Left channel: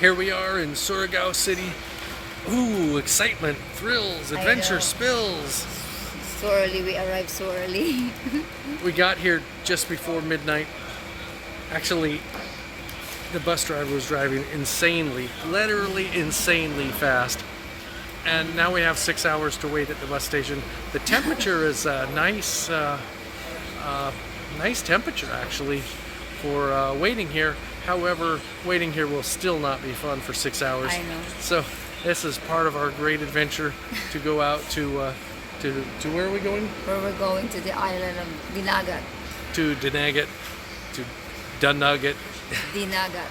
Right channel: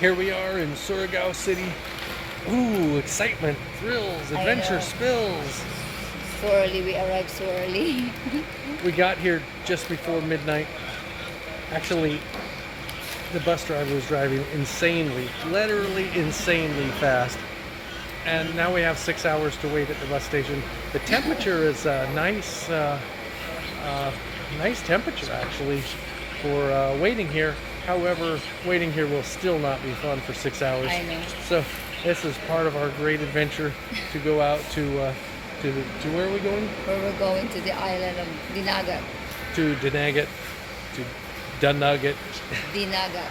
Here we are in Surigao City. Ooh, excitement, thrills, adventure, spills. So early, we arrived so early. We got here just before midnight. Actually, the bus driver was driving insanely, literally insanely fast. And now we have 6 hours to wait at the bus station. The temperature is nice temperature actually for waiting here. However, waiting here will still not be fun for 6 hours. I know. So this is part of our great adventure to go out to where are we going? Where we're going to the island of Dinagat. To Dinagat, to Dinagat. Dinagat.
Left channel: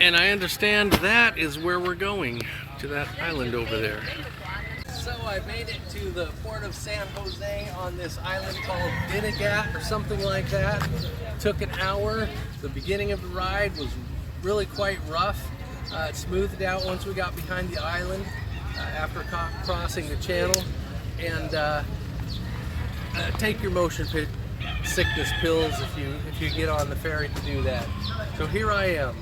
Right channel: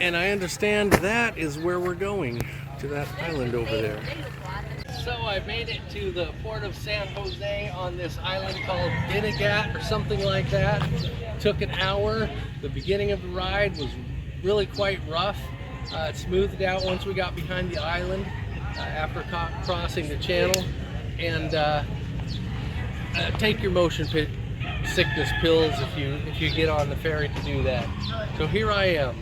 And I understand that is where we're going, to that island over there. So I made it to the port of San Jose on this island called Dinagat or something like that. Took an hour. The beginning of the ride was really quite rough. It smoothed out once we got behind the island after crossing the channel. And take your motion sickness pills if you get on the ferry to do that. So here I am.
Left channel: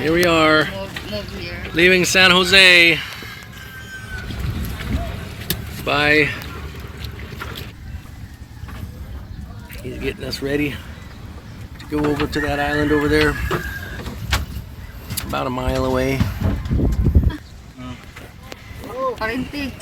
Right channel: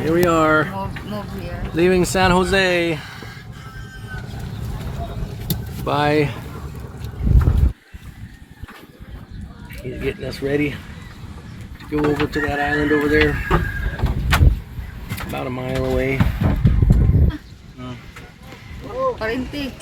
Here we are, Move here. leaving San Jose. Bye. He's getting us ready to go over to that island over there. About a mile away. Parente.